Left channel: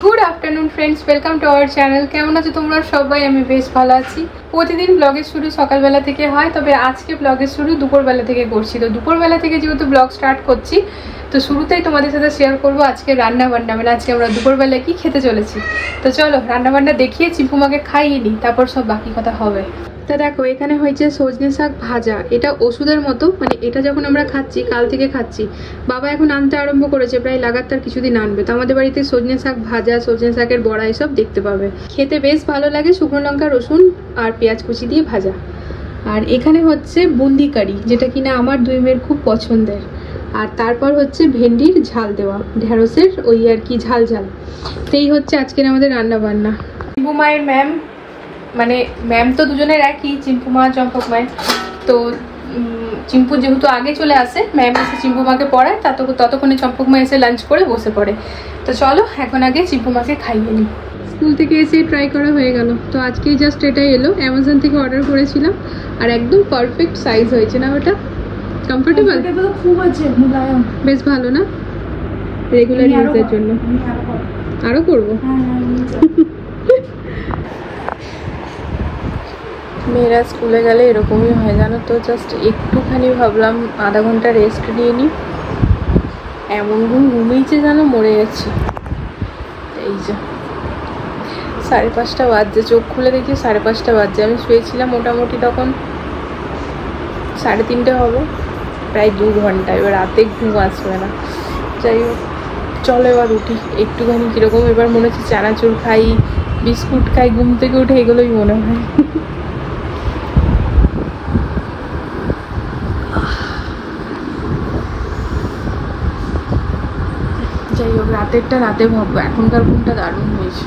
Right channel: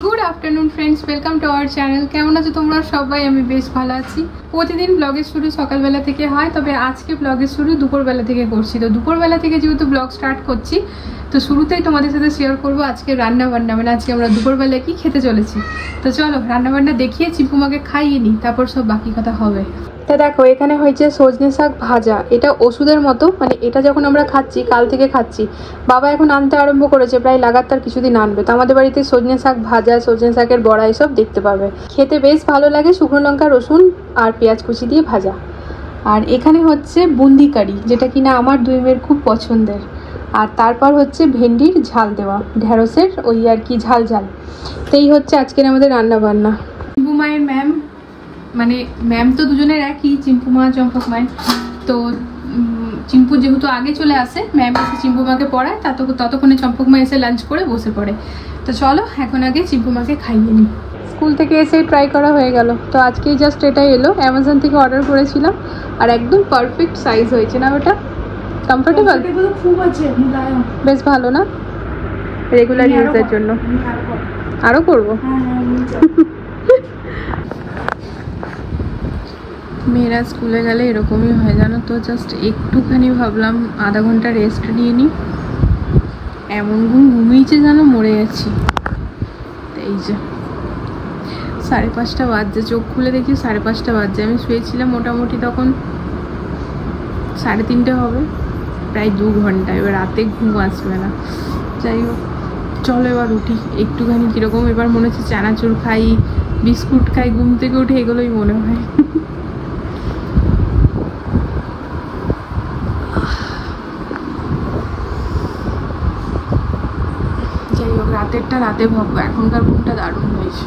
Good afternoon friends, welcome to our channel. কেমন আছো তোমরা সবাই? আমি বেশ ভালো আছি। প্রতিদিন ব্লগের শুরু সকালবেলা থেকে হয়, তবে আজকে ব্লগের শুরু দুপুরবেলা থেকে করছি। তো দুপুরবেলা থেকে যেহেতু ব্লগ স্টার্ট করছি, তো শুরুতেই তোমাদের সাথে শেয়ার করবো আজকে রান্না বান্না, মানে আজকে আমরা দুপুরবেলা কি খেতে চলেছি। তো চলো রান্না বান্না দেখিয়ে চিম্পুমাকে খাইয়ে নিই, তারপর সব বাকি কথা হবে। তা দেখো, এখানে হয়েছে সজনে শাক ভাজা। এটা ওষুধের মতো, মানে এটা যখন আমরা খাচ্ছি, কাল থেকে খাচ্ছি, বাবা এখন আনতে আরম্ভ করেছে, প্রায় লাগাতার কিছুদিন আনবে। তো আমাদের বাড়িতে সজনে শাক ভাজা, সজনে শাকের বড়া এসব দেখতে পাবে। খেতে বেশ ভালো লাগে, শুকনো লঙ্কা, রসুন আর পেঁয়াজ কুচি দিয়ে ভাজা। আর এখানে হচ্ছে বুন্দি কারি, যেটা কিনা আমার দুই মেয়ের খুব পছন্দের। আর তারপর হচ্ছে ভেন্ডির ঝাল দেওয়া, ঢেঁড়সের ওই আর কি ঝাল ঝাল। তো এই হচ্ছে আজকের আমাদের রান্না বান্না। চিম্পু মায়ের ম্যাম, মানে ম্যাম তো দুজনের একই, চিম্পু মা চম্পক মায়ের। তো চিম্পু যেহেতু আগে চলে আসে, ম্যাম এসে চিম্পু মাকে পড়ায়, ততক্ষণে চম্পক মা এসে লাঞ্চ করে বসে পড়ে। তো চলো এখন আগে চিম্পু মাকে খাইয়ে নিই। স্কুল থেকে এসেই ট্রাই করা হয়ে গেল। তো আজকেই জাস্ট এটাই এলো, অ্যামাজন থেকে অর্ডার করেছিলাম। আর একদম পারফেক্ট সাইজ হয়েছে না ওটা? কমফোর্টেবল খুব আছে, বেশ ভালো না? রেগুলার ইউজের জন্য আরো করবো। মেয়েরা স্কুলে গেলে এরকমই হয় জানো তো, জাস্ট একটুখানি ভাবলাম আধা ঘন্টা রেস্ট নিয়ে নিই, এমন ঘুমিয়েছে যেন মরে গেছি। এই যে 5:30 বাজছে, চোখ খুলে দেখি 5:30 বাজছে। আমি শুয়েছিলাম মোটামুটি তখন 3:30 হবে, প্রায় 2 ঘন্টা। এবার রাতে ঘুম আসবে না। যাই হোক, চলো এবার উঠি। একটুখানি কীরকম এবার মনে হচ্ছে চানাচুর খাই, বিস্কুট খাই, ঘুম থেকে উঠে এগুলোই মনে হয়। যাই হোক, রাতেরটা রাতে ভাববো, এখনকার ঘুমটা দারুণ হয়েছে।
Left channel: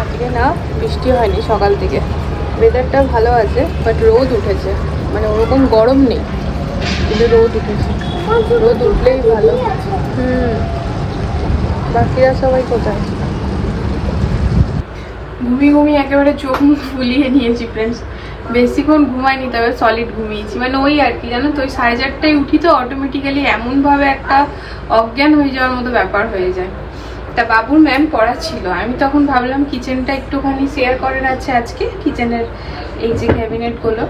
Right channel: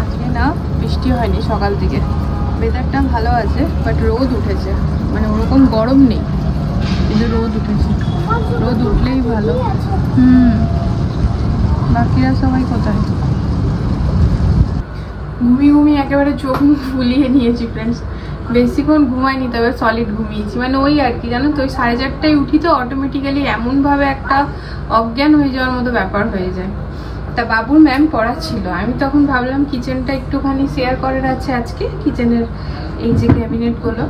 আজকে না বৃষ্টি হয়নি সকাল থেকে, ওয়েদারটা ভালো আছে, বাট রোদ উঠেছে। মানে ওরকম গরম নেই, কিন্তু রোদ উঠেছে। রোদ উঠলেই ভালো। বাকিরা সবাই কোথায়? ঘুমিয়ে একেবারে চোখ মুখ ফুলিয়ে নিয়েছি ফ্রেন্ডস। বেশিক্ষণ ঘুমাইনি, তবে সলিড ঘুমিয়েছি। মানে ওই আর কি জানো তো, ওই 4:30টায় উঠি তো অটোমেটিক্যালি এমনভাবে একটা অজ্ঞান হয়ে যাওয়ার মতো ব্যাপার হয়ে যায়। তা বাবুর ম্যাম পড়াচ্ছিল, আমি তখন ভাবলাম কিচেনটা একটুখানি শেয়ার করার আছে আজকে, কিচেনের এই যে ক্যাবিনেটগুলো,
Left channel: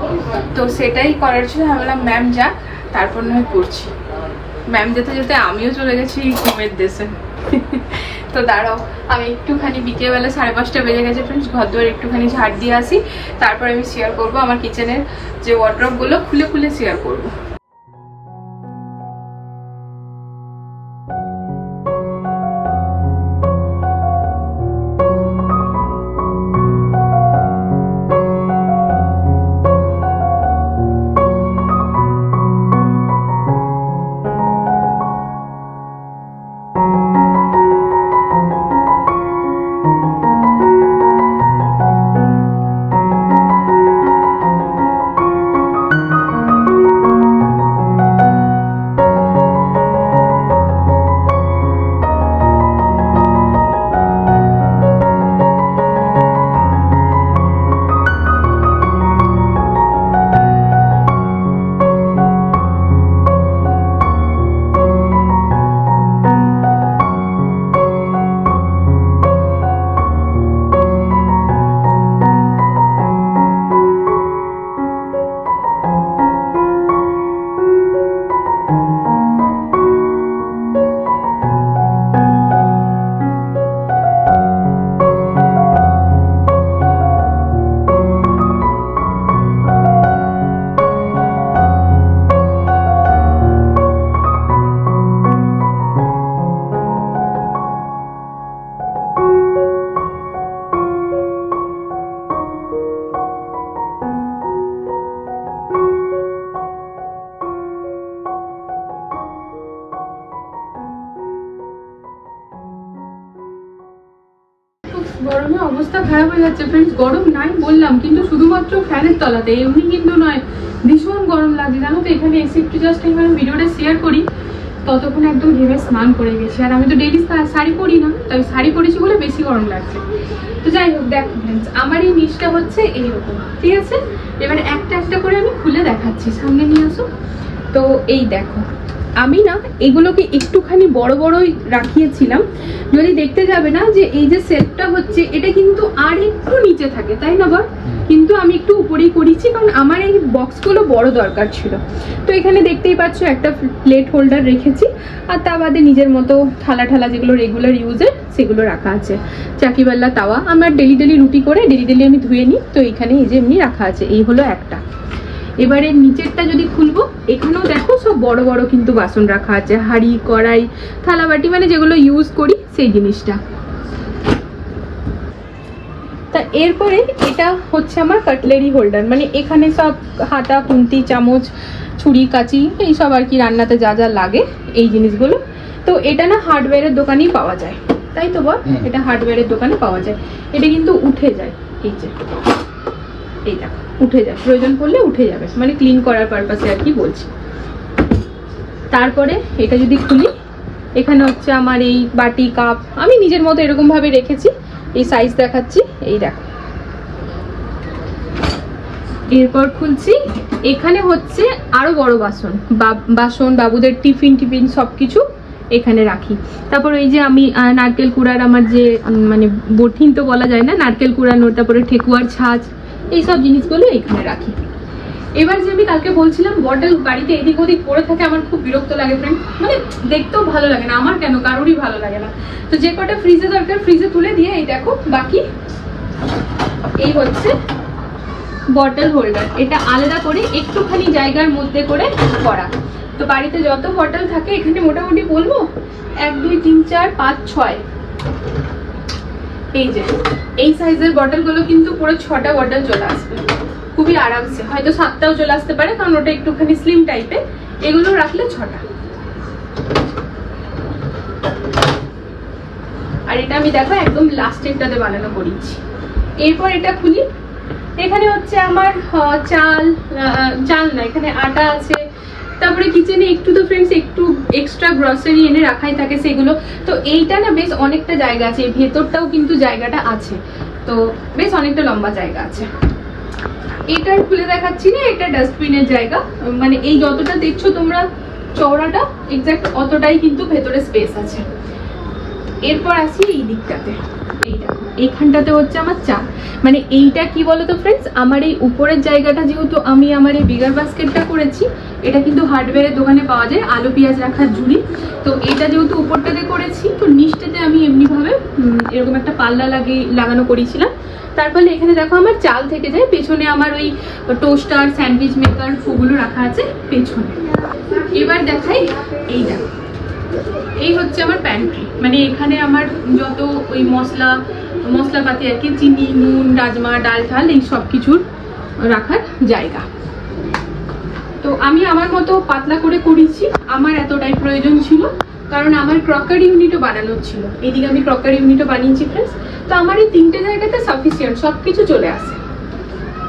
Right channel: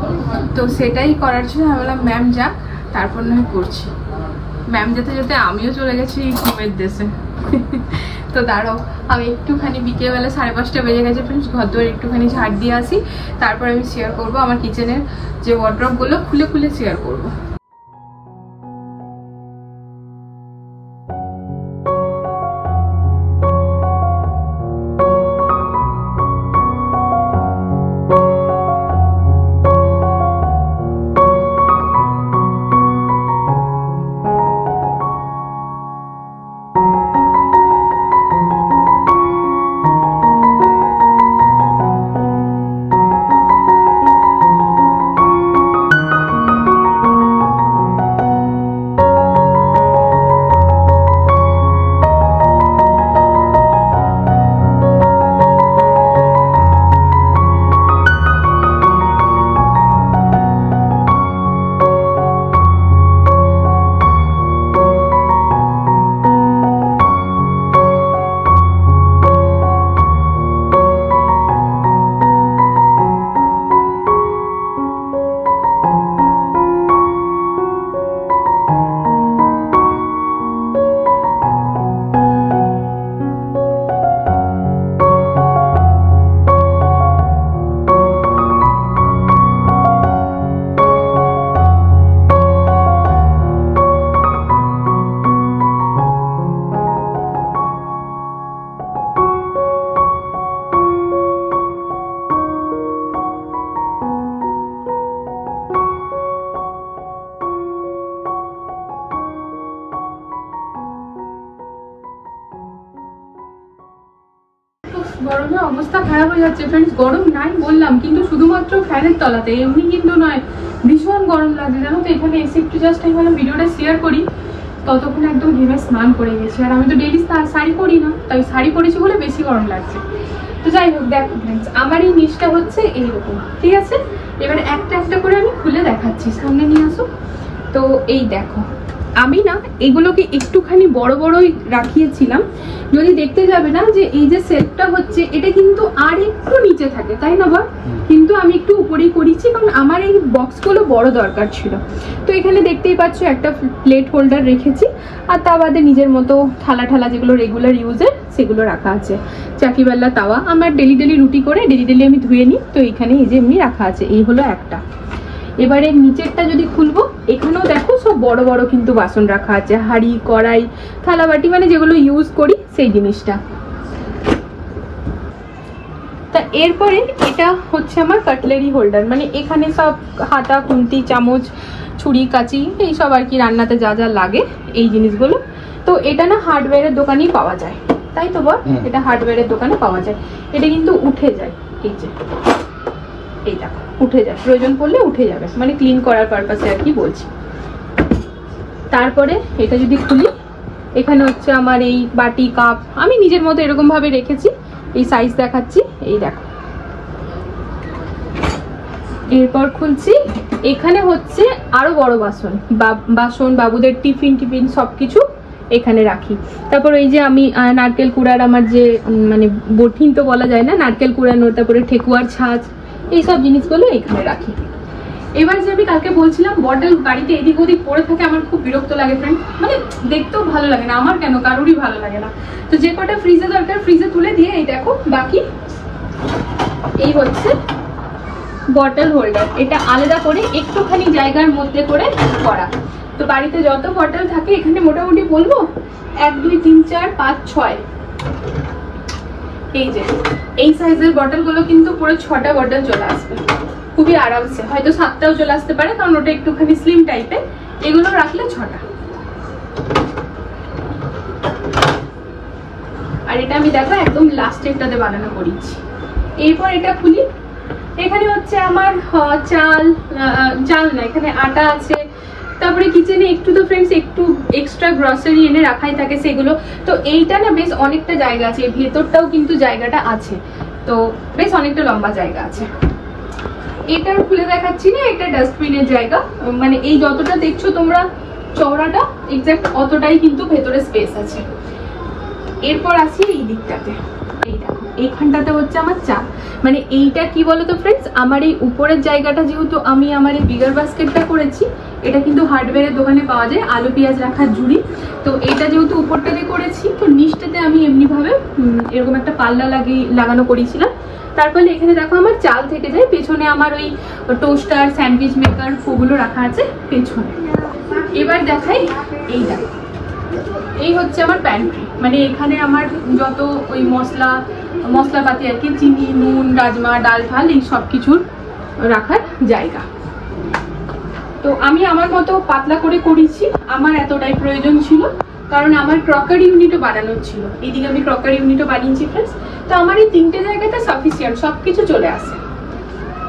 তো সেটাই করার ছিল। ভাবলাম ম্যাম যা, তারপর নয় করছি। ম্যাম যেতে যেতে আমিও চলে গেছি ঘুমের দেশে। তো দাঁড়াও, আমি একটুখানি বিকেলবেলা 5:30 বেজে গেছে ফ্রেন্ডস, ঘর দুয়ার একটুখানি ঝাড় দিয়ে আসি, তারপর আমি শেয়ার করবো আমার কিচেনের যে ওয়ার্ড্রপগুলো খুলে খুলে শেয়ার করবো। অবস্থা খারাপ হয়ে যাচ্ছে ফ্রেন্ডস। গরম নাই বললাম, কিন্তু শুধুমাত্র ফ্যানের তলাতে, এমনি কিন্তু নয়, ভীষণ গরম লাগছে জানো তো। এখানে এসে একটু জাস্ট এইভাবে ভিডিওটা শেয়ার করি, ততক্ষণ একদম ঘেমে স্নান করে গেছি। আর আমি তো ডেইলি শাড়ি পরি না, তাই শাড়ি পরেছি বলে বেশি গরম লাগছে। তো যাই হোক, দেখো ফ্রেন্ডস, আমার এই নিচটা হচ্ছে এইরকম, ঠিক আছে? এবার একটা একটা করে আমি খুলে দেখাচ্ছি, সামনে নিয়ে আসো। তো এই দেখো, আমি না এগুলোকে একটুখানি বড় বড়ই রাখিয়েছিলাম, যদি দেখতে যাবে না যে এই যে সেলফটা হচ্ছে এটা কিন্তু আর একটু নিচে থাকে, তাই না বল? কিন্তু আমি একটু উপরেই করেছি, কারণ আমার এই বক্সগুলো বড় দরকার ছিল। তো এখানে দেখতেই পাচ্ছ একটা প্লেট হোল্ডার রেখেছি, আর তা বাদে নিজের মতো থালা ঠালা যেগুলো রেগুলার ইউজের সেগুলো রাখা আছে। চাকিবাল্লা তাওয়া আমার ডেলি রুটি করে ডেলি আমি ধুয়ে নিই, তো এখানে এই যে এমনি রাখা আছে। এই হলো একটা। এবারে নিচেরটা যদি খুলবো, এখানেও দেখো সব বড় বড় কিন্তু বাসন রাখা আছে, হাঁড়ি কড়াই থালা বাটি, মানে যেগুলো ইউজ করি সেই জিনিসটা। তা এরপরে এটা হচ্ছে আমার কাটলারি হোল্ডার, মানে এখানে সব হাতা খুন্তি চামচ ছুরি কাঁচি এইসব আর কি, রান্নাতে যা যা লাগে এই জিনিসগুলো। তো এটা না হার্ডওয়্যারের দোকানেই পাওয়া যায়, তাই তো বল? এটা হার্ডওয়্যারের দোকানে পাওয়া যায়। এটা কিন্তু উঠে যায়, এই যে এই দেখো উঠে যায়, প্রয়োজন পড়লে উঠে যাবে, মানে ক্লিন করার পারপাসে আর কি বলছি। তারপরে এটা যদি খুলি, এখানে হচ্ছে আমার এই বাটি কাপ আমি নিজের মতো এরকম ভাবে রেখেছি। এই সাইজ দেখাচ্ছি, এই দেখো। এরপর খুলছি, এখানে হচ্ছে আরো বড় বাসন বাবুদের টিফিন সবকিছু এখানে রাখি। তারপর এই যে আমি নারকেল কুড়ার আমার যে মানে বঠিন তো বলা যায় না, নারকেল কুড়ানো, তারপরে ঠেকুয়ার ছাঁচ, এইসব জিনিসগুলো এখানে রাখি। এবার যে আমি কালকে বলছিলাম বটল বাড়িতে এদিক ওদিক পড়ে থাকে, আমার খুব বিরক্ত লাগে ফ্রেন্ড, মানে দেখতেও ভালো লাগে না, আমার কেন কারোরই ভালো লাগে না। তো যে কটা ফ্রিজে দরকার ফ্রিজে তুলে দিয়ে এই দেখো বাকি এই হচ্ছে বটল হোল্ডার। এটা আলাদা করে একটুখানি জায়গার মধ্যে করে করা। তো বাড়িতে যত বটল থাকে এখানে মোটামুটি বলবো 1 2 3 4 5 6, এই যে এই সাইজের বটল গুলো কিন্তু পুরো 6টা বটল চলে আসবে খুবই আরামসে, হয়তো 7টাও চলে আসতে পারে, কারণ ওটা একটুখানি স্লিম টাইপের। এগুলো রাখলে 6টা। আর এটা আমি দেখো একদম লাস্টেরটাতে বানানো করেছি। এরপর এটা খুলি, এখানে হচ্ছে আমার চাল না, এখানে আটা আছে। তারপরে কিচেনে একটু তো ফ্রেন্ডস একটু এক্সট্রা গ্রসারি এনে রাখাই থাকে সেগুলো। তো এইটা না বেশ অনেকটা জায়গা আছে, ভেতরটাও কিন্তু জায়গাটা আছে, তো বেশ অনেকটা লম্বা জায়গা আছে। এটা খুলে দেখাচ্ছি না, এটা ডাস্টবিনের জায়গা, মানে এই যতটা দেখছো তোমরা চওড়াটা এক্সাক্ট অতটাই কিন্তু ভেতরে স্পেস আছে। এরপর আসি এই দিকটাতে, এইটা এইখানটাতে হচ্ছে আমার চা, মানে এইটা কি বলতো ফ্রেন্ডস, আমার এই উপরের জায়গাটা যেহেতু আমি আমার এই বিগার বাস্কেটটা করেছি, এটা কিন্তু হার্ডওয়্যারের দোকানে পাওয়া যায়, আলু পেঁয়াজ রাখার ঝুড়ি। তো এটা যেহেতু উপরটাতে করেছি, তো নিচটাতে আমি এমনি ভাবে এরকম একটা পাল্লা লাগানো করেছিলাম। তার ফলে এখানে দেখো আমার চাল থেকে যায়, পেছনে আমার ওই টোস্টার স্যান্ডউইচ মেকার ওগুলো রাখা আছে পেছনে। এবার দেখাই এই দেখো, এই হচ্ছে আমার প্যান্ট্রি, মানে এখানে আমার যত ওই মশলাপাতি আর কি, চিনি নুন রাজমা ডাল ঠাল এই সব কিছুর রাখার জায়গা। তো আমি আমার মতো পাতলা করে করেছি, আমার এতটাই প্রয়োজন ছিল, কারণ আমার ক্রকারি ইউনিটও বানানোর ছিল। এদিকে আমি ক্রকারি ইউনিটও বানিয়েছি ফ্রেন্ডস। তো আমার এই 3টে জায়গাতে সাফিসিয়েন্ট, সবকিছু চলে আসে।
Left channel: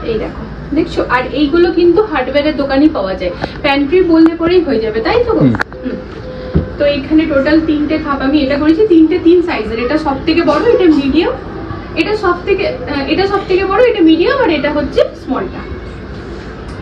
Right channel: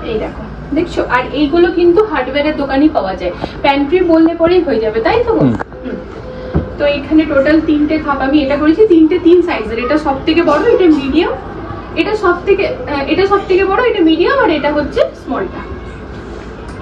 এই দেখো দেখছো, আর এইগুলো কিন্তু হার্ডওয়্যারের দোকানেই পাওয়া যায়, প্যান্ট্রি বললে পরেই হয়ে যাবে, তাই তো? তো এখানে টোটাল 3টে খাপ আমি এটা করেছি, 3টে 3 সাইজের। এটা সব থেকে বড়, এটা মিডিয়াম, এটা সব থেকে বড়, এটা মিডিয়াম, আর এটা হচ্ছে স্মলটা।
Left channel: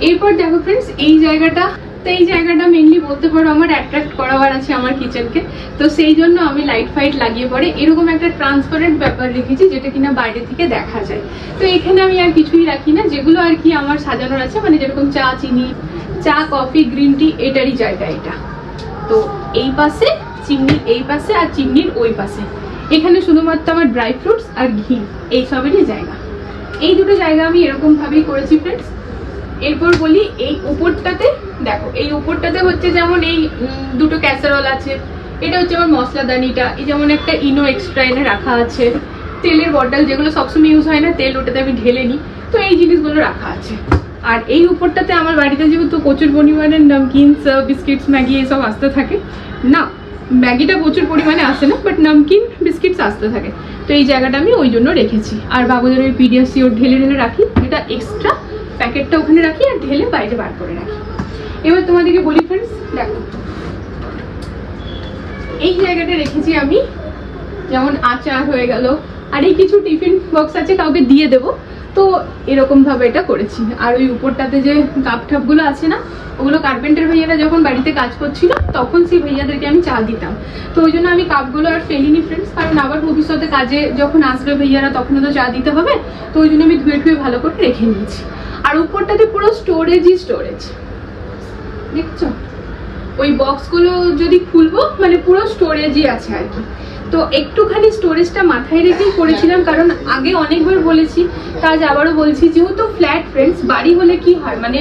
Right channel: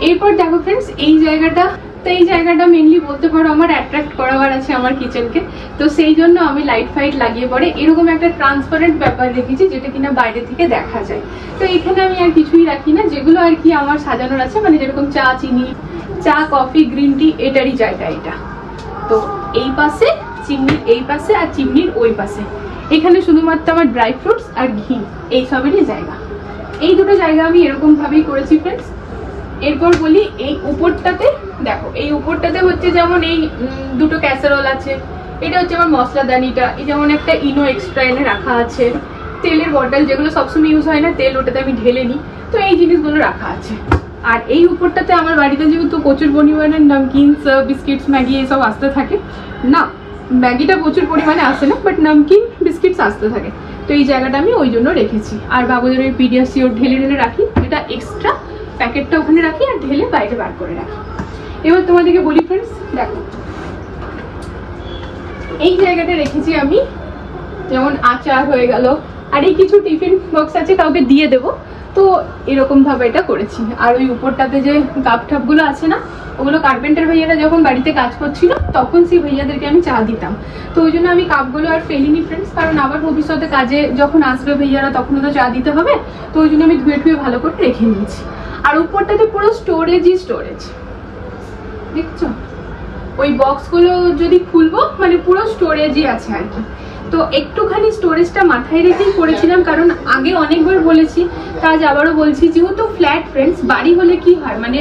এরপর দেখো ফ্রেন্ডস এই জায়গাটা, তো এই জায়গাটা মেনলি বলতে পারো আমার অ্যাট্রাক্ট করাবার আছে আমার কিচেনকে। তো সেই জন্য আমি লাইট ফাইট লাগিয়ে পরে এরকম একটা ট্রান্সপারেন্ট ব্যাপার রেখেছি, যেটা কিনা বাইরে থেকে দেখা যায়। তো এখানে আমি আর কিছুই রাখি না, যেগুলো আর কি আমার সাজানোর আছে, মানে যেরকম চা চিনি, চা কফি গ্রিন টি, এটারই জায়গা এটা। তো এই পাশে চিমনির এই পাশে আর চিমনির ওই পাশে, এখানে শুধুমাত্র আমার ড্রাই ফ্রুটস আর ঘি এই সবেরই জায়গা। এই দুটো জায়গা আমি এরকম ভাবেই করেছি ফ্রেন্ডস। এরপর বলি এই উপরটাতে দেখো, এই উপরটাতে হচ্ছে যেমন এই দুটো ক্যাসারোল আছে, এটা হচ্ছে আমার মশলাদানিটা, এই যেমন একটা ইনো এক্সট্রা এনে রাখা আছে, তেলের বটল যেগুলো সবসময় ইউজ হয় না তেল, ওটাতে আমি ঢেলে নিই, তো এই জিনিসগুলো রাখা আছে। আর এই উপরটাতে আমার বাড়িতে যেহেতু প্রচুর পরিমাণে নামকিনস বিস্কিটস ম্যাগি এইসব আসতে থাকে না, ম্যাগিটা প্রচুর পরিমাণে আসে না, বাট নামকিন বিস্কিটস আসতে থাকে, তো এই জায়গাটা আমি ওই জন্য রেখেছি। আর বাবুদের ওই পিডিয়াসিওর ঢেলে ঢেলে রাখি, এটা এক্সট্রা প্যাকেটটা ওখানে রাখি আর ঢেলে বাইরে বার করে রাখি। এবার তোমাদেরকে বলি ফ্রেন্ডস, দেখো এই জায়গাটা রেখেছি আমি, যেমন আচার হয়ে গেল, আর এই কিছু টিফিন বক্স আছে কাউকে দিয়ে দেবো, তো এরকম ভাবে এটা করেছি। আর ওই উপরটাতে যে কাপ ঠাপ গুলো আছে না, ওগুলো কার্পেন্টার ভাইয়ারা যখন বাড়িতে কাজ করছিল তখন সেই ভাইয়াদেরকে আমি চা দিতাম, তো ওই জন্য আমি কাপগুলো আর ফেলিনি ফ্রেন্ডস, কারণ আবার ভবিষ্যতে কাজে যখন আসবে ভাইয়ারা তখন তো চা দিতে হবে, তো ওই জন্য আমি ধুয়ে ধুয়ে ভালো করে রেখে নিয়েছি। আর উপরটাতে পুরো স্টোরেজই স্টোরেজ, দেখছো ওই বক্সগুলো যদি খুলবো মানে পুরো স্টোরেজই আছে আর কি। তো একটুখানি স্টোরেজটা মাথায় রেখেই করেছিলাম, কারণ আগে অনেকবার বলেছি, আজ আবারও বলছি, যেহেতু ফ্ল্যাট ফ্রেন্ডস, বাড়ি হলে কি হয় মানে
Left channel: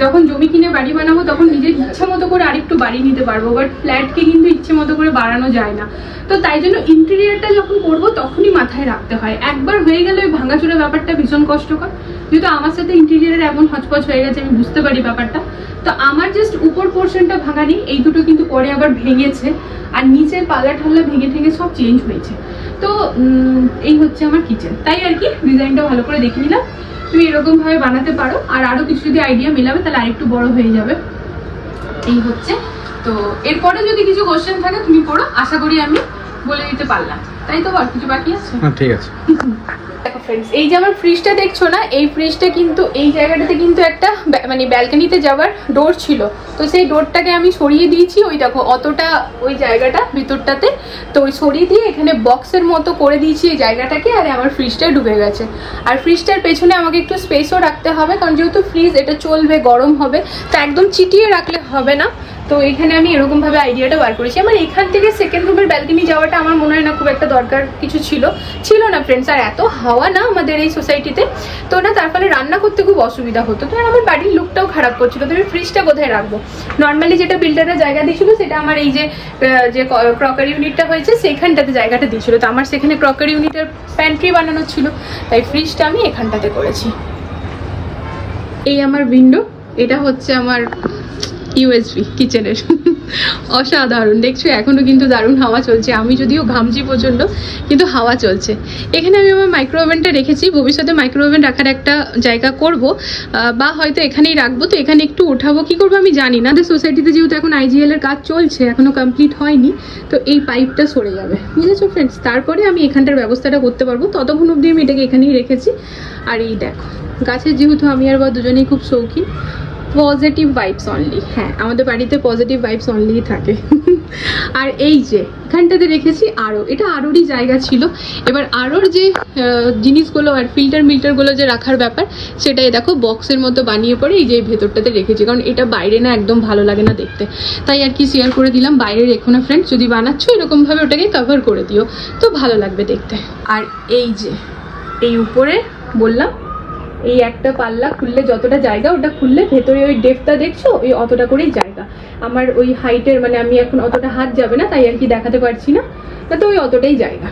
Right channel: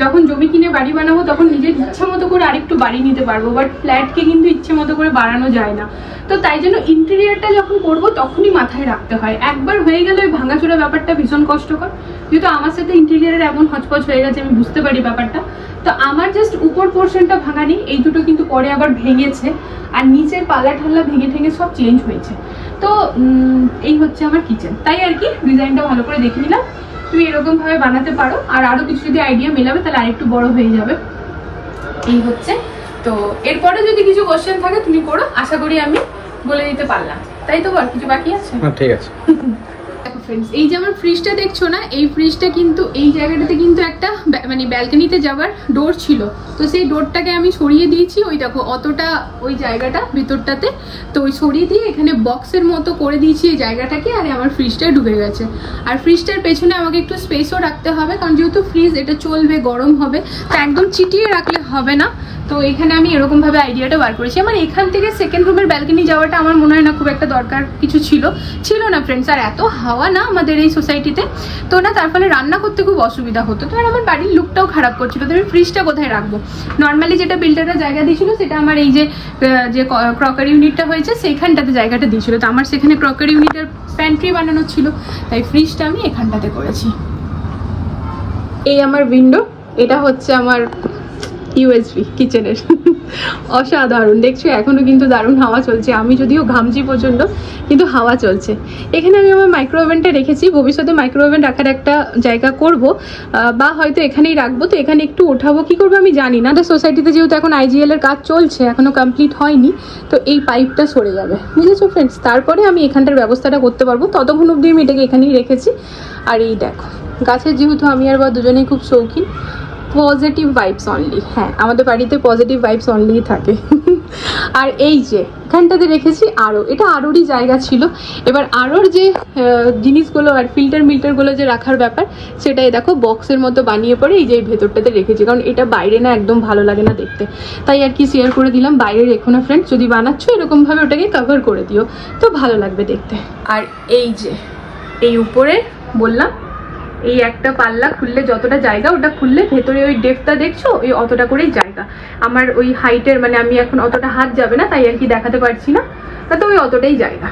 যখন জমি কিনে বাড়ি বানাবো তখন নিজের ইচ্ছা মতো করে আরেকটু বাড়ি নিতে পারবো, বাট ফ্ল্যাটকে কিন্তু ইচ্ছে মতো করে বাড়ানো যায় না। তো তাই জন্য ইন্টেরিয়ারটা যখন করবো তখনই মাথায় রাখতে হয়, একবার হয়ে গেলে ওই ভাঙাচোরা ব্যাপারটা ভীষণ কষ্টকর। যেহেতু আমার সাথে ইন্টেরিয়ারের এমন হচপচ হয়ে গেছে, আমি বুঝতে পারি ব্যাপারটা। তো আমার জাস্ট উপর পোর্শনটা ভাঙা নেই, এই দুটো কিন্তু পরে আবার ভেঙেছে, আর নিচের পাল্লা ঠাল্লা ভেঙে ঠেঙে সব চেঞ্জ হয়েছে। তো এই হচ্ছে আমার কিচেন, তাই আর কি ডিজাইনটা ভালো করে দেখে নিলাম। তুমি এরকম ভাবে বানাতে পারো, আর আরো কিছু যদি আইডিয়া মেলাবে তাহলে আরেকটু বড় হয়ে যাবে। এই হচ্ছে, তো এরপরে যদি কিছু কোশ্চেন থাকে তুমি করো, আশা করি আমি বলে দিতে পারলাম। তাই তো, আর কিছু বাকি আছে? ঠিক আছে। দেখো ফ্রেন্ডস, এই যে আমার ফ্রিজটা দেখছো না, এই ফ্রিজটা কিন্তু এই জায়গাটাতে কিন্তু একটা মানে ব্যালকনিতে যাওয়ার ডোর ছিল, তো সেই ডোরটাকে আমি সরিয়ে দিয়েছি। ওই দেখো অতটা ওই জায়গাটা ভিতরটাতে, তো ওই সরিয়ে দিয়ে এখানে বক্সের মতো করে দিয়েছি এই জায়গাটাকে, আর আমার ফ্রিজটা ঢুকে গেছে। আর ফ্রিজটার পেছনে আমাকে একটু স্পেসও রাখতে হবে, কারণ যেহেতু ফ্রিজ এটা চলবে, গরম হবে, তো একদম চিটিয়ে রাখলে হবে না। তো এখানে আমি এরকম ভাবে আইডিয়াটা বার করেছি। আমার এখান থেকে সেকেন্ড রুমের ব্যালকনি যাওয়াটা আমার মনে হয় না খুব একটা দরকার কিছু ছিল না ফ্রেন্ডস। আর এত হাওয়া না আমাদের এই সোসাইটিতে, তো না তার ফলে রান্না করতে খুব অসুবিধা হতো, তো আমার বাড়ির লুকটাও খারাপ করছিল। তো আমি ফ্রিজটা কোথায় রাখবো? নর্মালি যেটা বিল্ডাররা জায়গা দিয়েছিল সেটা আমার এই যে ক্রকারি ইউনিটটা হয়েছে সেইখানটাতে জায়গাটা দিয়েছিল, তো আমার সেখানে ক্রকারি ইউনিটের প্যান্ট্রি বানানো ছিল, তাই ফ্রিজটা আমি এখানটাতে করেছি। এই আমার উইন্ডো, এটা হচ্ছে আমার ইউএসবি কিচেনের। অসাধারণ দেখছো, এখনো কিন্তু দারুণ হাওয়া চলছে, আমি যদিও ঘামছি প্রচন্ড, কিন্তু হাওয়া চলছে। এখানে আমি আমার মাইক্রো ওভেনটা রেখেছি, ভবিষ্যতে মাইক্রো ওভেন রাখার একটা জায়গা করব, বা হয়তো এখানেই রাখবো। তো এখানে একটু উঠাবো, কি করবো আমি জানি না। সোসাইটিতে যেহেতু এখন আইজিএল এর কাজ চলছে, এখনো কমপ্লিট হয়নি, তো এই পাইপটা সরে যাবে, বুঝেছো ফ্রেন্ডস, তারপরে আমি এখানটার ব্যবস্থাটা করতে পারবো। ততক্ষণ অব্দি আমি এটাকে এখানেই রেখেছি। আর এই দেখো গাছের, যেহেতু আমি আর বা দুজনেই খুব শৌখিন, পজিটিভ ভাইবস অনলি, হ্যাঁ আমাদের বাড়িতে পজিটিভ ভাইবস অনলি থাকে। আর এই যে এখানটাতে রেখেছি আরও, এটা আরোরই জায়গা ছিল। এবার আরোর যে জিনিসগুলো আর ফিল্টারগুলো যে রাখার ব্যাপার, সেটাই দেখো বক্সের মতো বানিয়ে পরে এই যে ভেতরটাতে রেখেছি, কারণ এটা বাইরে না একদম ভালো লাগে না দেখতে, তাই আর কি শেয়ার করে দিলাম। বাইরে রেখো না ফ্রেন্ডস, যদি বানাচ্ছ এরকমভাবে ওটাকে কভার করে দিও, তো ভালো লাগবে দেখতে। আর এই যে এই উপরে বললাম, এই একটা পাল্লা খুললে যতটা জায়গা, ওটা খুললে ভেতরে ওই ডেপটা দেখছো, ওই অতটা করেই জায়গা। আমার ওই হাইটের মানে আমি এখন অতটা হাত যাবে না, তাই আর কি দেখাতে পারছি না, তাতে ওই অতটাই জায়গা।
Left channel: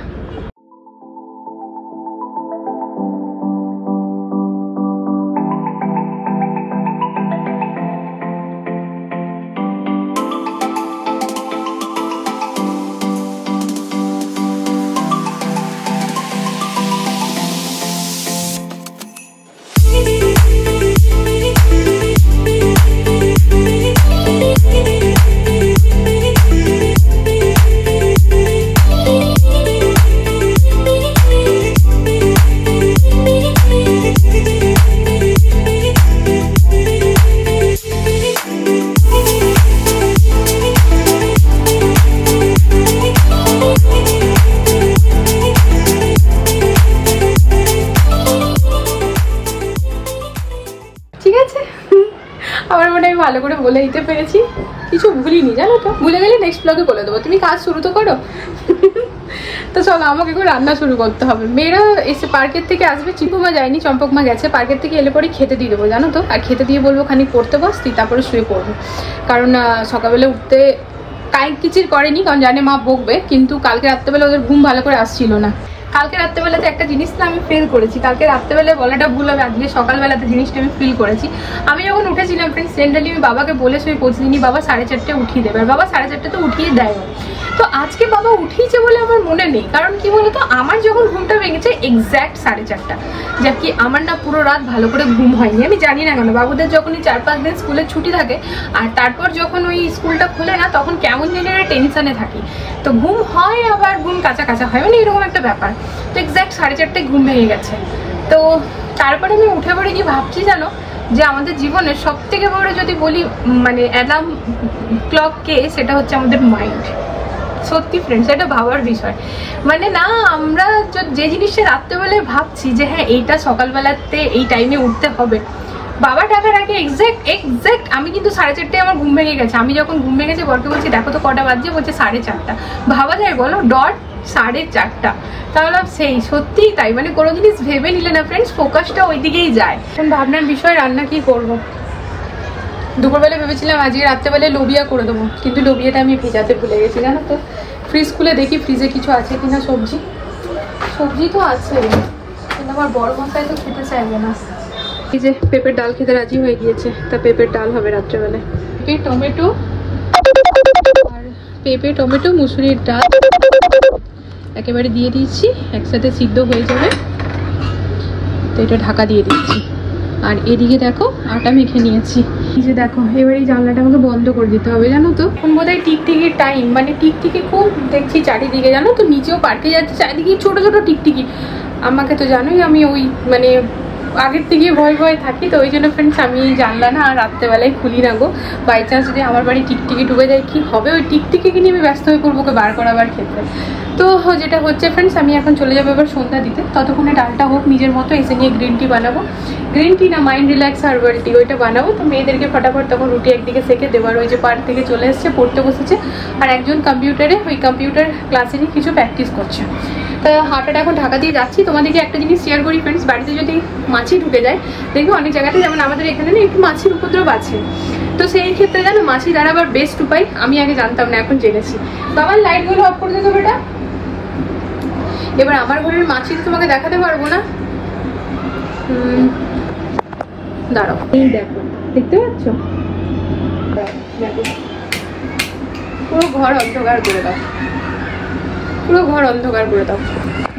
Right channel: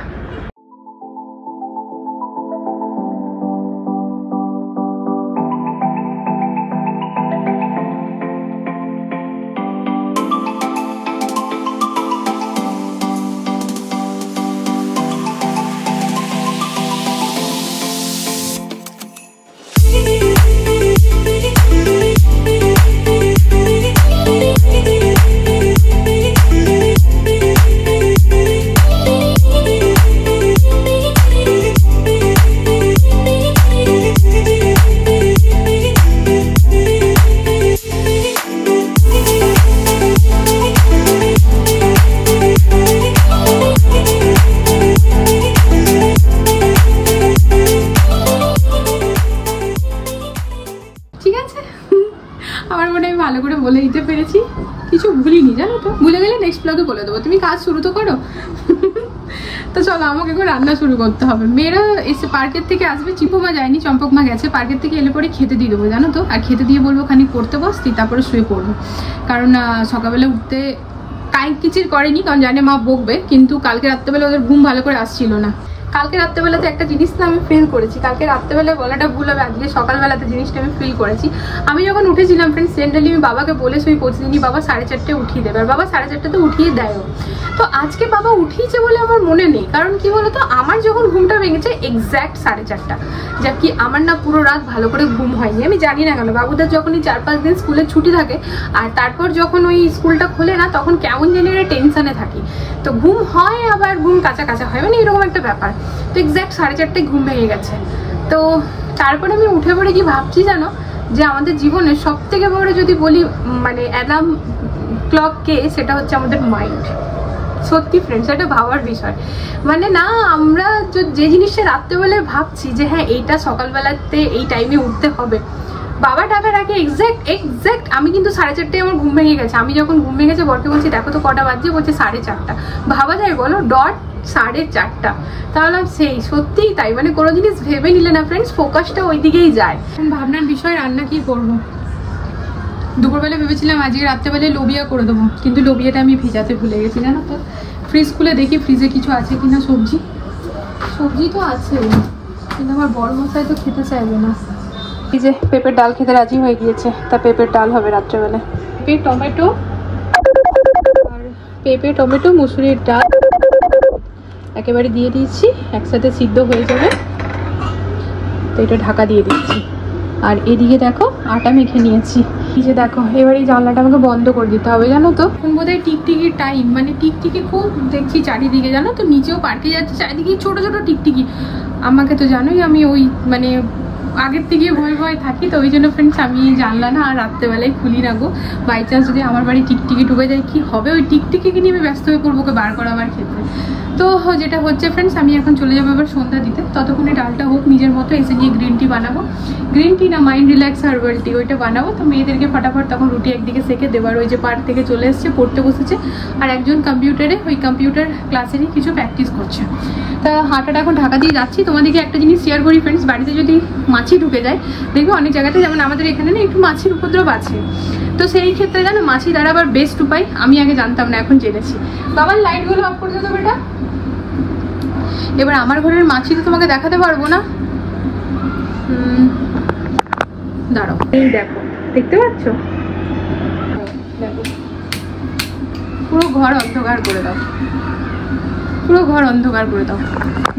আমার মনে হয় ভালো করে বলে দিতে পেরেছি, কিছু ভুলিনি জানো তো, ভুলে গেলে নেক্সট ব্লগে বলে দেবো। তুমি কাজ শুরু তো করো। তো চলো আমাকে এখন রান্না শুরু করতে হবে। মেয়েরা এসে পার্কের থেকে আসবে, চিপুমা যায়নি, চম্পকমা গেছে। পার্কের থেকে এলে পরে খেতে দিয়ে দেবো জানো তো, আর খেতে দিয়ে বলবো খানিক পড়তে বসতি, তারপরে শুয়ে পড়বো, কারণ সকালবেলা উঠতে কিচির করেনি, কারণ জানে মা বকবে, কিন্তু কালকে রাত্রেবেলা ওদের ঘুম ভালো করে আসছিল না। কালকে রাত্রেবেলাতে একটা জিনিস না আমি ফিল করেছি, কালকে রাত্রেবেলায় বলাটা ভুল হবে, আজকে সকালবেলাতে জিনিসটা আমি ফিল করেছি। আমি যখন উঠেছিলাম ফ্রেন্ডস, জেনারেলি আমি বাবাকে বলে শুয়ে প্রতিদিনই বাবা 4:30 উঠিয়ে দেবে, আর বাবা 4:30 উঠিয়ে দেয়। তো আজকে বাবা উঠিয়েছে বলে আমার মনে নেই, কারণ কি বলতো আমার যখন ঘুমটা ভেঙেছে এক্স্যাক্ট 4:30, যা কি আমার না পুরো রাত ভালো করে ঘুম হয়নি। আমি জানি না কেন, বাবুদের যখনই 4-5 দিন স্কুলের ছুটি থাকে আর তারপর যখন ওই স্কুলটা খোলে না, তখন কেমন জানি টেনশনে থাকি, তো ঘুম হয় আবার ঘুম কাঁচা কাঁচা হয়, মানে এরকম একটা ব্যাপার। তো এক্স্যাক্ট 4:30টায় ঘুম ভেঙে গেছে। তো তারপরে আমি উঠে পড়ে কি ভাবছি জানো, যে আমাদের জীবনের সব থেকে বড় যদি বলি মানে অ্যালার্ম ক্লক কে, সেটা হচ্ছে আমাদের মাইন্ড। সত্যি ফ্রেন্ডস, এটা ভাবার বিষয়। মানে না, আমরা যে জিনিসটা রাত্রেবেলায় ভাবছি যে হ্যাঁ এইটা সকালবেলাতে এই টাইমে উঠতে হবে, বাবা টাকার আগে এক্স্যাক্ট আমি কিন্তু 4:30টায় আমার ঘুম ভেঙে গেছে। আমি যখন ঘুম ভেঙেছে বরকে বলছি দেখো তো কটা বাজছে, বলছে 4:30। ভাবা যায় বলো, ডট 4:30। তাহলে সেই সত্যিই তাই, মানে কোনো জিনিস ভেবে নিলে না ফ্রেন্ডস, ফোকাসটা ওই দিকেই যায়। এখন ভাবনার বিষয় রান্না কি করব। দুপুরবেলা ভেবেছিলাম আজকে রাত্রেবেলায় লোবিয়া করে দেবো, কিন্তু লোবিয়াটা আমি ভেজাতে ভুলে গেছি জানো তো। ফ্রিজ খুলে দেখি ফ্রিজে কিছু আছে কিনা, সবজি তো আছে, কিন্তু আমার বড় মশাই তো খেতে চাইবে না। এই যে পেঁপের ডাল খেতে রাজি হয়ে গিয়েছে, তা পেঁপের ডাল হবে রাত্রেবেলায়। পেঁপে টমেটো মুসুরির ডাল একেবারে দিয়ে দিয়েছি, একসাথে সিদ্ধ হয়ে যাবে। তো এটা ঢাকা দিয়ে দিচ্ছি। আর এদিকে দেখো আটা মেখে নিয়েছি। এই যে দেখো, এবার এই জানলাটা আমাকে বন্ধ করে দিতে হবে জানো তো। এখন বোধহয় টিকটিকির টাইম, মানে টিকটিকি খুব দেখছি চারিদিকে জানো তো, নিচেও পার্কে যাচ্ছে, চারিদিকে ছোট ছোট টিকটিকি। আমাকে তো জানোই আমি ওই মানে আগের থেকে ভয় থাকি, তো ওই জন্য ফ্রেন্ডস আমি জানলা না আর রাত্রেবেলায় খুলি না গো। বাই চান্স যদি আমার বাড়ি টিকটিকি ডুবে যায় কি হবে, ওই টিকটিকিকে নিয়ে আমি ব্যস্ত হয়ে পড়বো ওকে বার করাবার ক্ষেত্রে। তো যেটা হচ্ছে ফ্রেন্ডস, আমি এখন চলে যাবো এবার সন্ধ্যা দিতে, ততক্ষণে ডালটা হোক নিজের মতো, এসে নিয়ে গ্রিন টি বানাবো। গ্রিন টি না, মাইন্ড রিল্যাক্স হার্বাল টি, ওইটা বানাবো। তো মেয়েদেরকে ফটাফট তখন রুটি একদিকে সেকে দেওয়ার, ওই যে পার্ক থেকে চলে এসছে, পড়তে বসেছে, আর একজন কম্পিউটারে ওই কম্পিউটার ক্লাসেরই কিছু প্র্যাকটিস করছে। তা হাঁটাটা এখন ঢাকা দিয়ে যাচ্ছি। তোমাদেরকে একটা জিনিস শেয়ার করি ফ্রেন্ডস, বাড়িতে যদি মাছি ঢুকে যায়, দেখবি অনেক জায়গাতে, যেমন আমাদের এখানে না একটু মাছির উপদ্রব আছে, তো সেই ক্ষেত্রে জানো মাছি দাঁড়াবার বেস্ট উপায় আমি আগে জানতাম না, এখন জেনেছি। বাবার লাইটগুলো অফ করে দেবো বেটা। এবার আমার ঘরের মাছি তো তোমাকে দেখাতে পারবো না, দাঁড়াও, এই দেখো, দেখতে পাচ্ছ, পুরো ঘর অন্ধকার করে দাও, পুরো ঘর অন্ধকার করে দাও।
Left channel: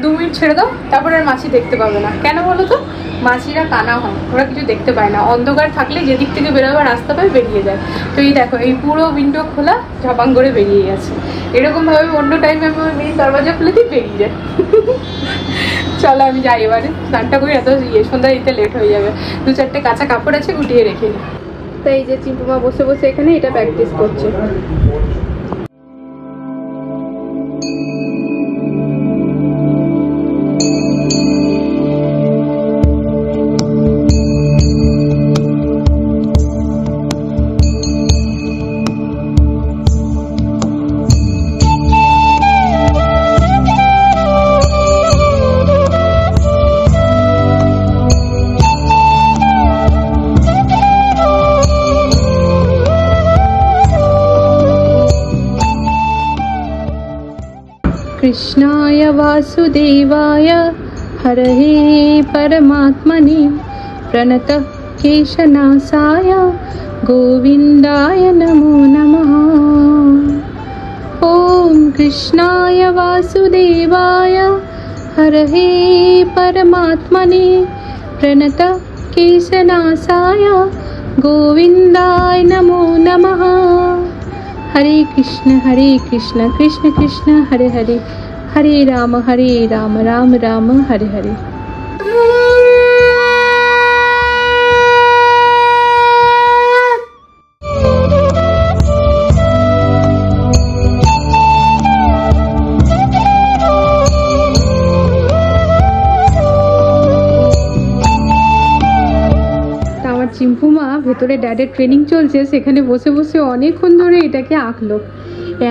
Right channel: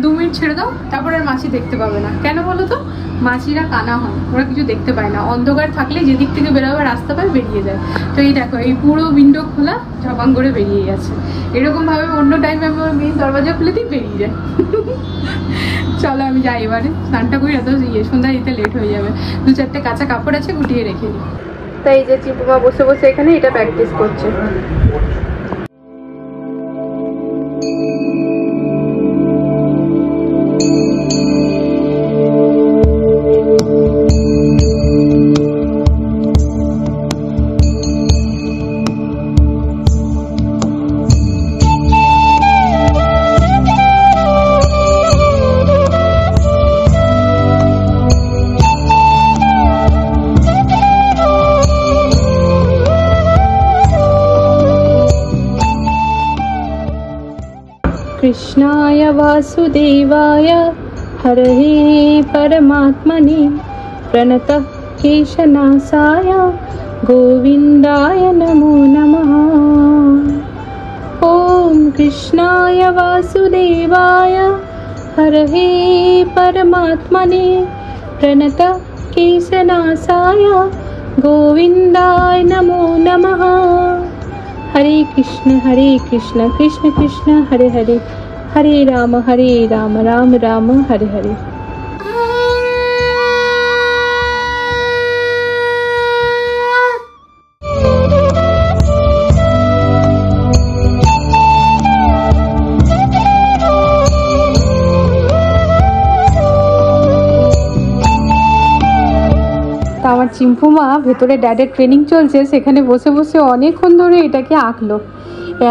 2 মিনিট ছেড়ে দাও, তারপর আর মাছি দেখতে পাবে না। কেন বলো তো, মাছিরা কানা হয়, ওরা কিছু দেখতে পায় না, অন্ধকার থাকলে যেদিক থেকে বেরোবার রাস্তা পায় বেরিয়ে যায়। তো এই দেখো, এই পুরো উইন্ডো খোলা, ঝপাং করে বেরিয়ে গেছে। এরকম ভাবে অন্য টাইমে আমি ওর মেয়ে দরজা খুলে দিই, বেরিয়ে যায়। চলো আমি যাই এবারে, স্নানটা করি, এত সন্ধ্যা দিতে লেট হয়ে যাবে। 2-4টে কাঁচা কাপড় আছে, গুটিয়ে রেখে। তাই এই যে চিম্পুমা বসে বসে এখানে এটা প্র্যাকটিস করছে। कृष्णाय वासुदेवाय हरये परमात्मने प्रणतः केशनाशाय गोविन्दाय नमो नमः। ॐ कृष्णाय वासुदेवाय हरये परमात्मने प्रणतः केशनाशाय गोविन्दाय नमो नमः। हरे कृष्ण कृष्ण कृष्ण हरे हरे, हरे राम राम राम हरे हरे। চিম্পু মা ভেতরে ড্যাডের ট্রেনিং চলছে, সেখানে বসে বসে অনেকক্ষণ ধরে এটাকে আঁকলো।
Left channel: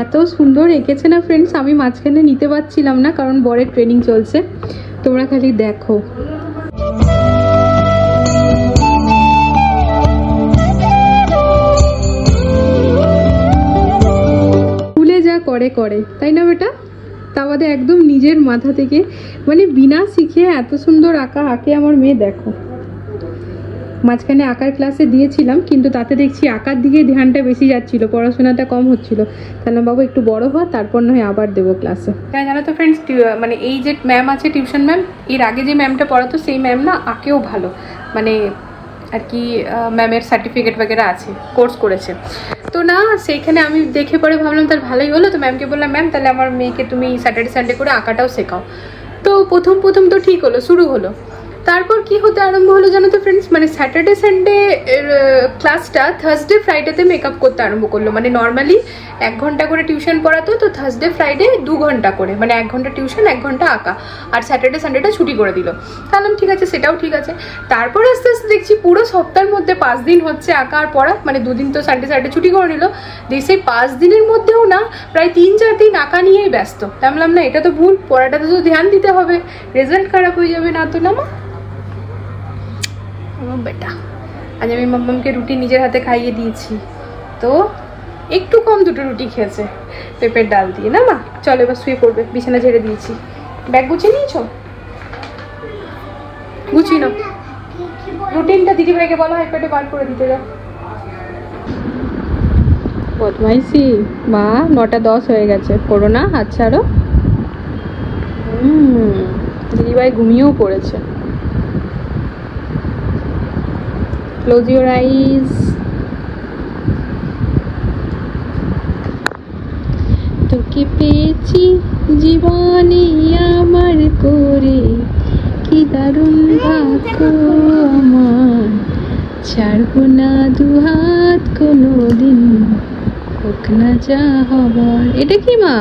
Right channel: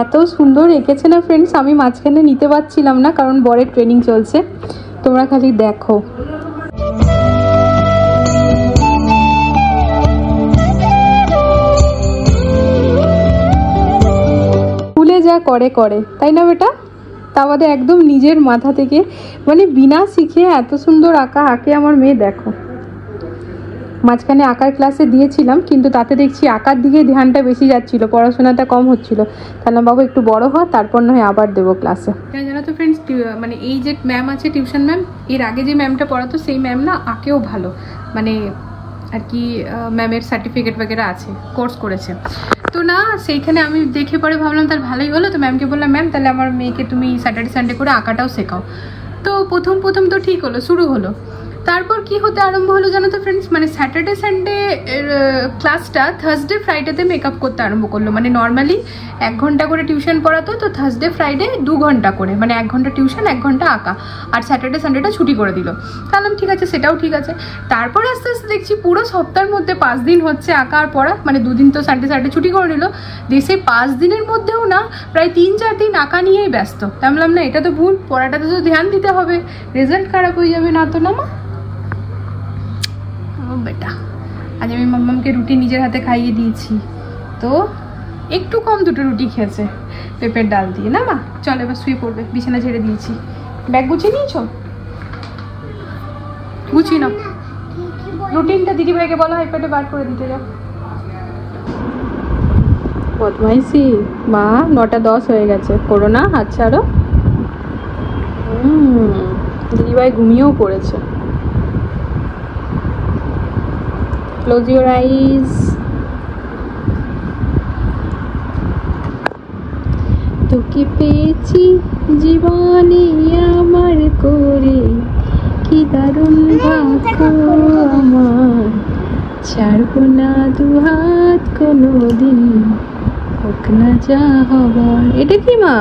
এত সুন্দর এঁকেছে না ফ্রেন্ডস, আমি মাঝখানে নিতে পারছিলাম না, কারণ বরের ট্রেনিং চলছে। তোমরা খালি দেখো। স্কুলে যা করে তাই না বেটা, তা বাদে একদম নিজের মাথা থেকে, মানে বিনা শিখে এত সুন্দর আঁকা আঁকে আমার মেয়ে। দেখো মাঝখানে আঁকার ক্লাসে দিয়েছিলাম, কিন্তু তাতে দেখছি আঁকার দিকে ধ্যানটা বেশি যাচ্ছিল, পড়াশোনাটা কম হচ্ছিল। তাহলে বাবু একটু বড় হও, তারপর নয় আবার দেবো ক্লাসে। হ্যাঁ জানো তো ফ্রেন্ডস, মানে এই যে ম্যাম আছে টিউশন ম্যাম, এর আগে যে ম্যামটা পড়াতো সেই ম্যাম না আঁকেও ভালো, মানে আর কি ম্যামের সার্টিফিকেট বগেরা আছে, কোর্স করেছে। তো না সেইখানে আমি দেখে পরে ভাবলাম তার ভালোই হলো, তো ম্যামকে বললাম ম্যাম তাহলে আমার মেয়েকে তুমি স্যাটারডে সানডে করে আঁকাটাও শেখাও। তো প্রথম তো ঠিক হলো, শুরু হলো। তারপর কি হতে আরম্ভ হলো জানো তো ফ্রেন্ডস, মানে স্যাটারডে সানডে ক্লাসটা থার্সডে ফ্রাইডেতে মেকআপ করতে আরম্ভ করলো। মানে নর্মালি 1 ঘন্টা করে টিউশন পড়াতো, তো থার্সডে ফ্রাইডে 2 ঘন্টা করে, মানে 1 ঘন্টা টিউশন 1 ঘন্টা আঁকা, আর স্যাটারডে সানডেটা ছুটি করে দিল। তাহলে ঠিক আছে, সেটাও ঠিক আছে। তারপর আস্তে আস্তে দেখছি পুরো সপ্তাহের মধ্যে 5 দিন হচ্ছে আঁকা আর পড়া, মানে 2 দিন তো সানডে ছুটি করে নিল, দিয়ে সেই 5 দিনের মধ্যেও না প্রায় 3-4 দিন আঁকা নিয়েই ব্যস্ত। তাই বললাম না এটা তো ভুল, পড়াটাতে তো ধ্যান দিতে হবে, রেজাল্ট খারাপ হয়ে যাবে না তো না মা। বেটা আজ আমি মাম্মামকে রুটি নিজের হাতে খাইয়ে দিয়েছি, তো একটু কম 2টো রুটি খেয়েছে পেঁপের ডাল দিয়ে। না মা চলো এবার শুয়ে পড়বে, বিছানা ঝেড়ে দিয়েছি। ব্যাগ গুছিয়ে নিয়েছো? গুছিয়ে নাও। রুটিনটা দিদিভাইকে বলো আইপ্যাডে বার করে দিতে যাও। বদমাইশি মা, 9টা 10 হয়ে গেছে, করো না, হাত ছাড়ো। দিদিভাই ঘুমিয়েও পড়েছে। Close your eyes. তোকে পেয়েছি জীবনে আমার করে, কি দারুণ ভাগ্য আমার, ছাড়বো না 2 হাত কোনোদিন, হোক না যা হবার। এটা কি মা?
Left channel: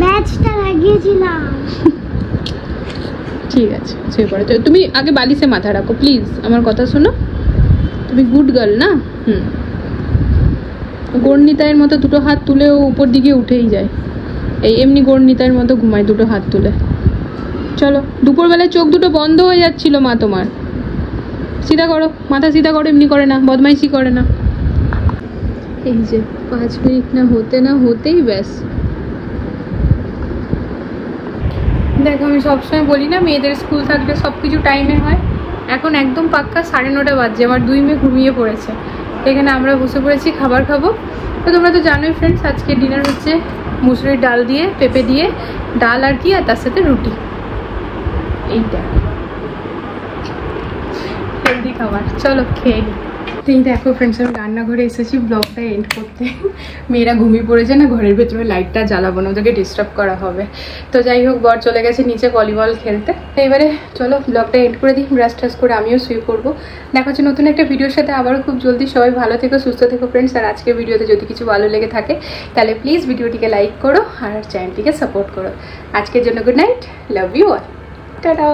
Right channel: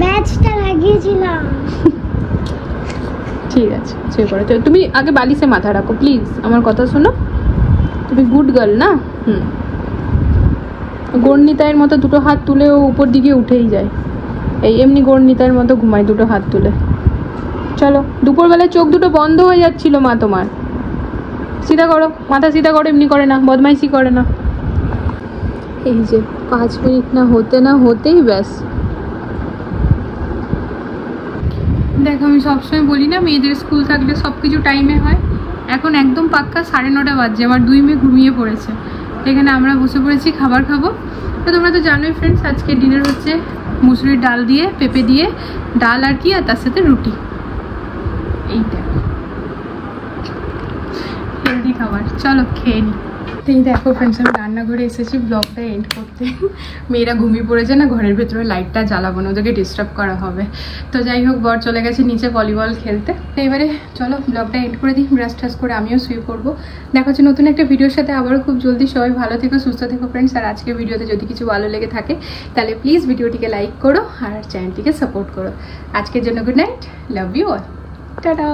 ব্যাচটা লাগিয়েছিলাম। ঠিক আছে শুয়ে পড়ো। তুমি আগে বালিশে মাথা রাখো প্লিজ, আমার কথা শোনো। তুমি গুড গার্ল না? গর্ণিতায়ের মতো 2টো হাত তুলেও উপর দিকে উঠেই যায়, এই এমনি গর্ণিতায়ের মতো ঘুমায় 2টো হাত তুলে। চলো, দুপুরবেলায় চোখ 2টো বন্ধ হয়ে যাচ্ছিল মা তোমার। সিধা করো, মাথা সিধা করো, এমনি করে না, বদমাইশি করে না। এই যে 5 মিনিট না হতেই ব্যাস। দেখো আমি সবসময় বলি না মেয়েদের স্কুল থাকলে সব কিছু টাইমে হয়। এখন একদম পাক্কা 9:30 বাজছে, আমার 2 মেয়ে ঘুমিয়ে পড়েছে। এখানে আমরা বসে পড়েছি খাবার খাবো। তো তোমরা তো জানোই ফ্রেন্ডস, আজকে ডিনার হচ্ছে মুসুরির ডাল দিয়ে, পেঁপে দিয়ে ডাল আর কি, আর তার সাথে রুটি। এইটা হেলদি খাবার, চলো খেয়ে নিই। এই দেখো ফ্রেন্ডস, আমি রান্নাঘরে এসেছি ব্লগটা এন্ড করতে। মেয়েরা ঘুমিয়ে পড়েছে না, ঘরের ভেতরে লাইটটা জ্বালাবো না, ওদেরকে ডিস্টার্ব করা হবে। তো যাই হোক, বর চলে গেছে নিচে ভলিবল খেলতে। তো এবারে চলো ব্লগটা এন্ড করে দিই, ব্রাশ ট্রাশ করে আমিও শুয়ে পড়বো। দেখা হচ্ছে নতুন একটা ভিডিওর সাথে আবারও খুব জলদি। সবাই ভালো থেকো, সুস্থ থেকো ফ্রেন্ডস। আর আজকের ভিডিওতে যদি কিছু ভালো লেগে থাকে তাহলে প্লিজ ভিডিওটিকে লাইক করো আর চ্যানেলটিকে সাপোর্ট করো। আজকের জন্য good night, love you all, tata.